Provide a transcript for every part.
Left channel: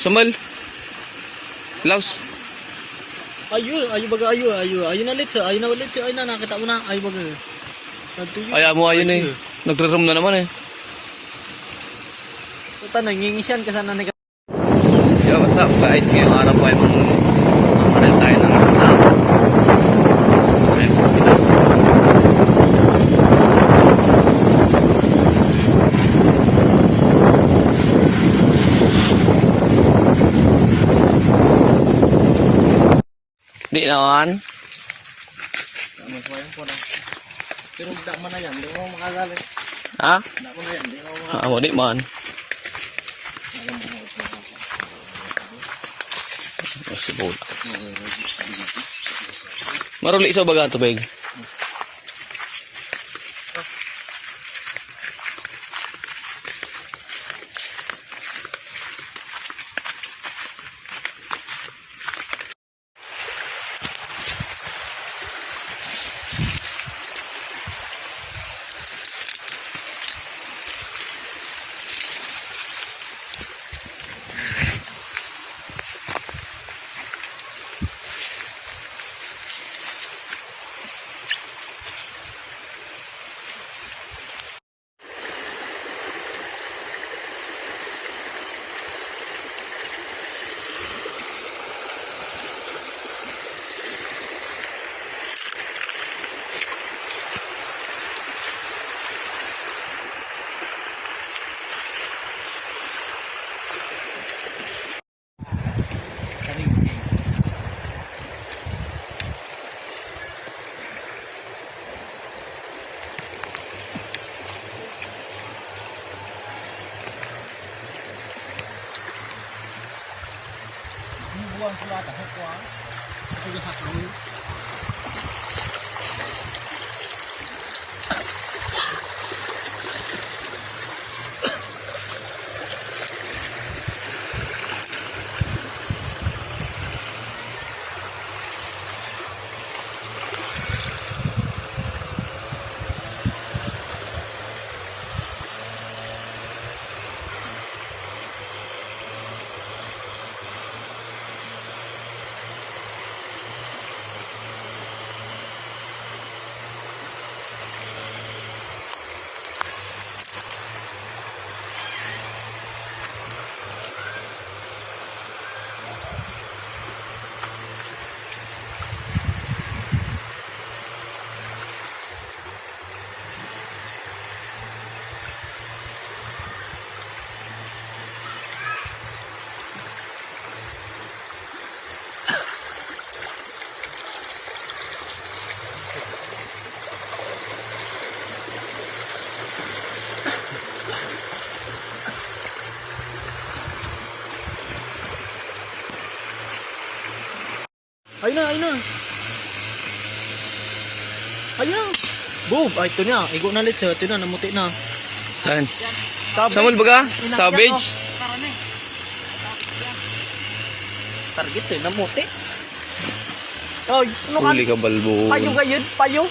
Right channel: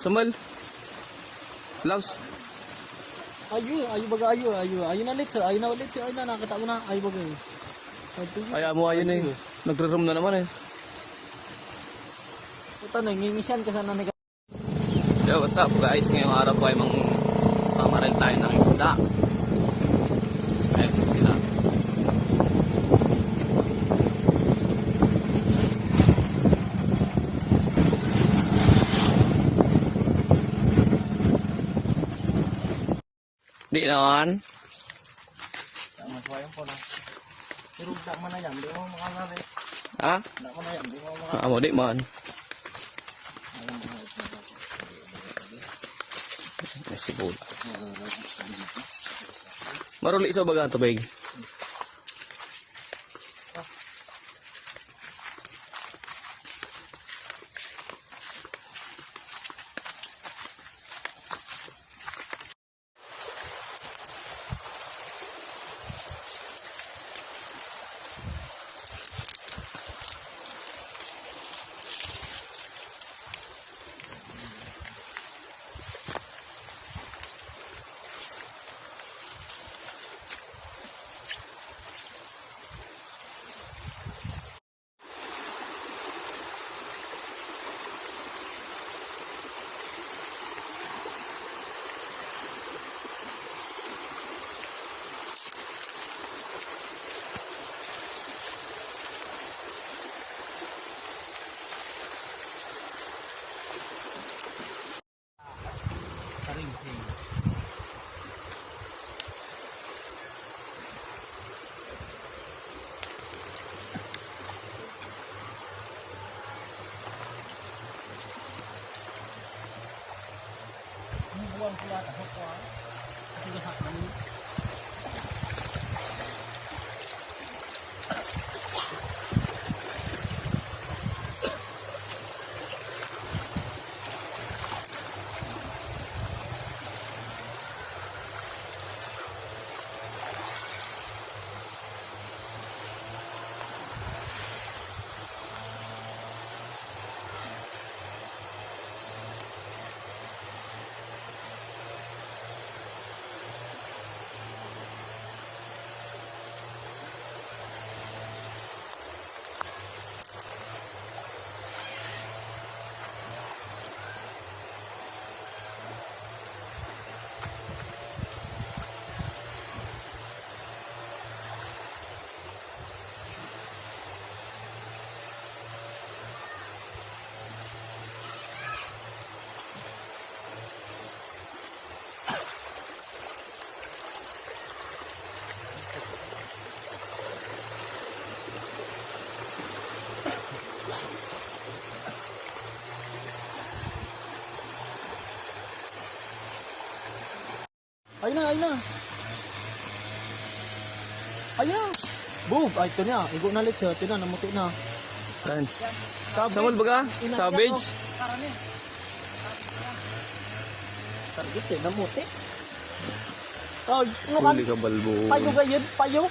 Samal. Laos. Ayo baga ayo na ulit sa, ayo na nakita mo na, ayo baga. Ay mo ayun eh. Nagre-room na naman eh. Puta nangingisyan ka sana ni. Yo, what's up guys? Ngayong araw po ay mamaril tayo ng isda. Okay, kita. Di naman. Tama po yan po. Pero tidak mo na yan, di mo makagalit. Ha? Tidak mo na yan, di mo makagalit. Mo di man. Masibol. Maruli sa baga tubig. Buang keluar tak kuat. Aku dah tahu. Ayun na. Ayun na. Boom! Ay, ito na. Igo na ulit siya. Ito na, namuti na. Saan? Samal baga? Savage? Target eh, namuti. Ay, ano ka? Huli ka balbo. Payo gayud, payo.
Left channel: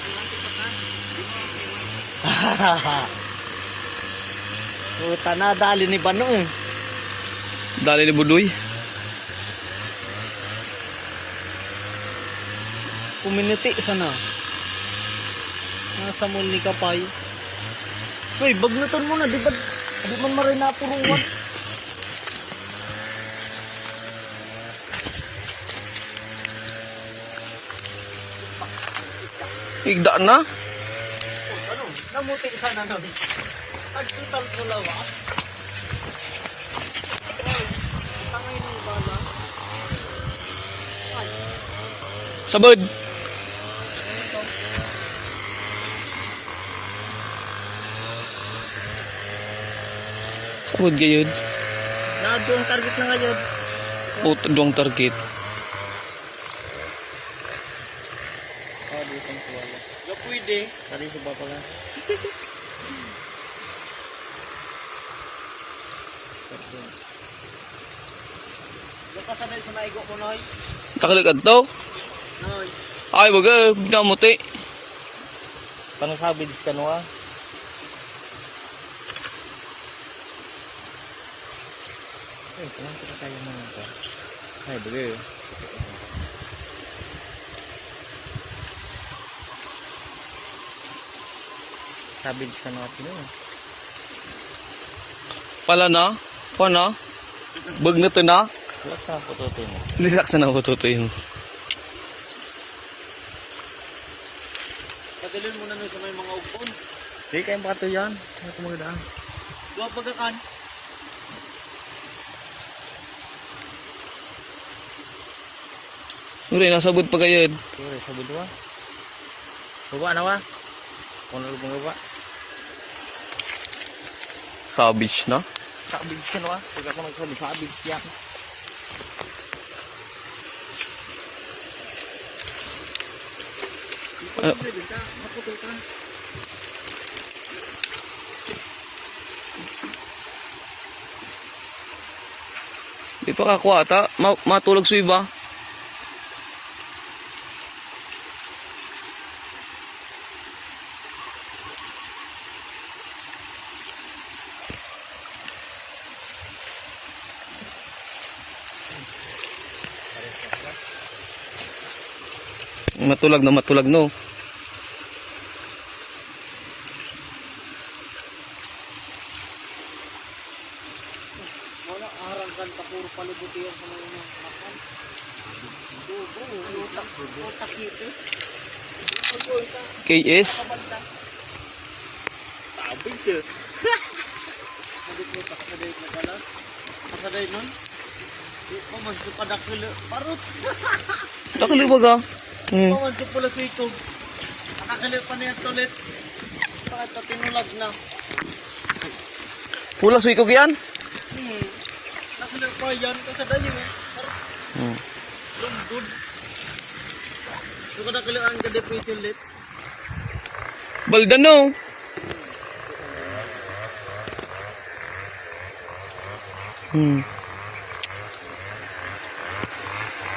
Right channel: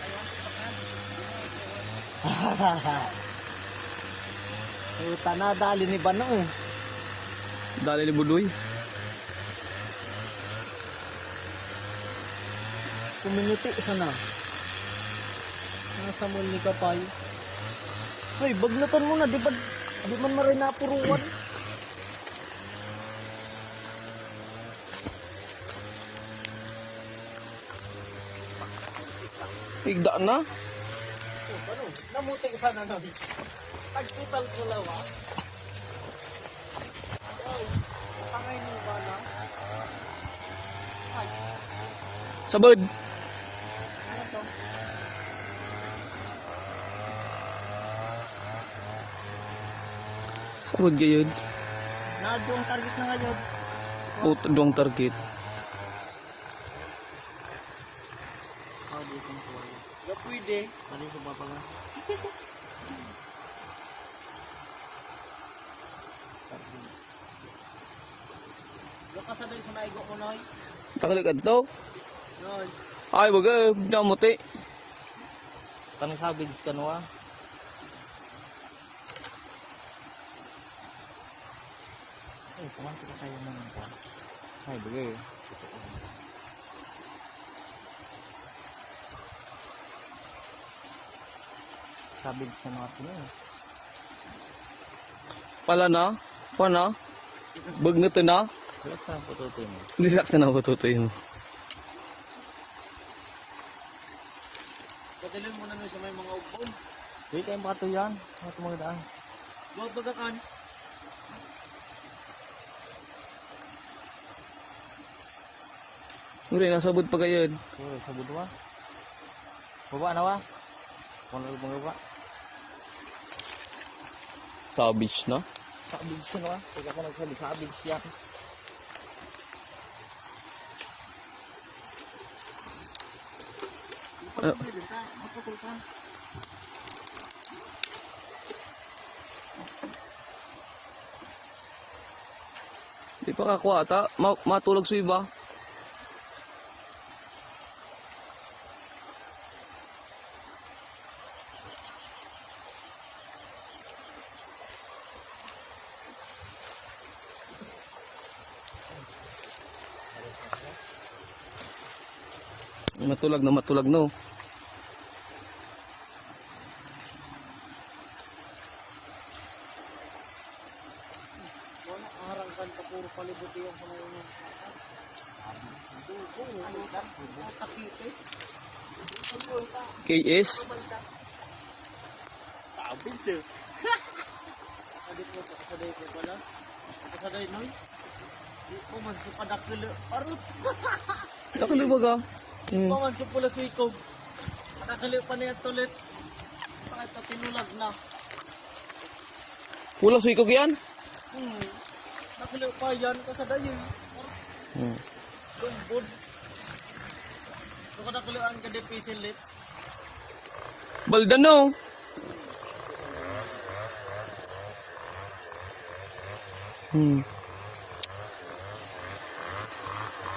Puta na, dali ni Bano. Dali ni Budoy. Kuminiti sana. Nasa mall ni Kapay. Uy, bagnatan mo na, di ba? Di man maray na puruman. Igda na. Ano? Namuti sana nun. Agtutang sulawa. Tangay ng bala. Ay. Sabad. Sabad gayud. Nado ang target na ngayon. Duang target. Dito ang sulawa. Yo, pwede. Tari sa ba pala? Yung kasanay sa naigo mo, Noy? Nakaligad to. Noy. Ay baga, binamuti. Panang sabi, diskano ka? Kailangan kita tayo naman ito. Ay, beli. Sabins ka na kasi yun. Pala na? Paano? Bag na to na? Relax na po tutoy mo. Relax na ako tutoy mo. Pasilin mo na nun sa may mga upon. Hindi kayong pato yan. Ano ito magdaan? Dua pagkakan. Uri, nasabot pa kayo. Sorry, sabod wa. Baba na wa. Kung ano bang baba. Cabbage na? Sabins ka na wa. Pag ako nagsabi, sabins yan. Pwede ka, maputol ka. Di pa kakuha ata. Matulog sa iba. Matulag no. Wala arang kan tapuro palibuti ang mga nakakal. Takite. KS. Tabig siya. Sabi ko taksaday ko pala. Taksaday nun. Iko magsupadak parot. Sakali ba ka? Iko magsupula sa itong. Nakakalit pa na yung tulit. Bakit ito tinulag na? Pula sa ikog yan? Nakalit pa yan. Kasaday yun. Lumbod. Yung nakakalit ang kadepis yung lits. Baldan no.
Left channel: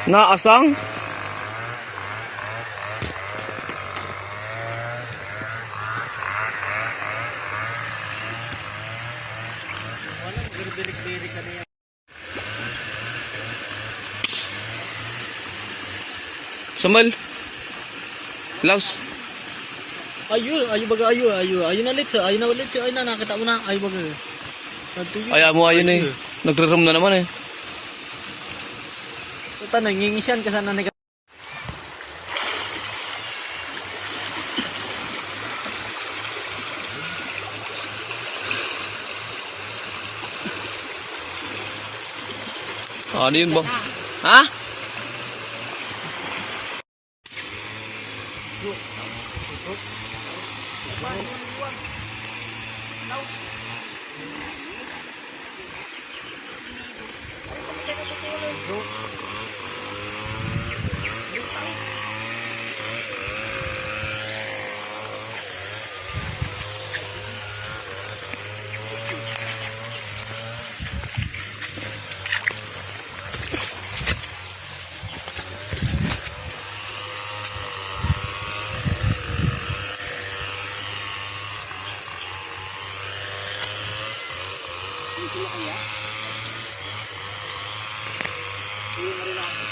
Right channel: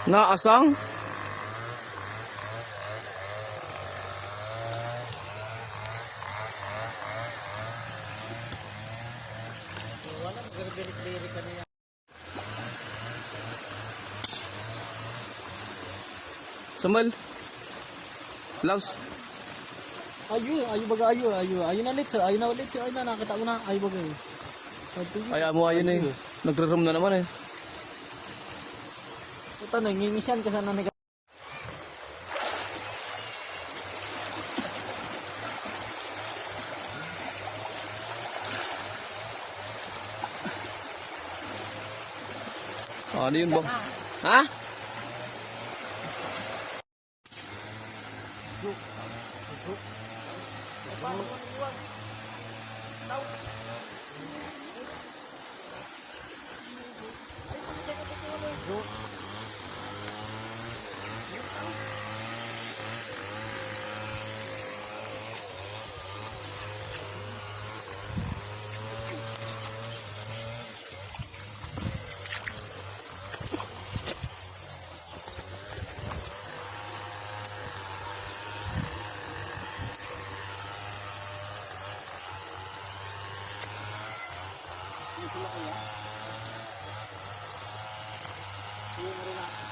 Naasang? Walang garberik-berik ka na yan. Samal. Laos. Ayo baga ayo na ulit sa, ayo na nakita mo na, ayo baga. Ayaw mo ayun eh. Nagre-room na naman eh. Ito nangingisyan ka sana ni. Ano yun ba? Ha? Iya. Iya, mari nak.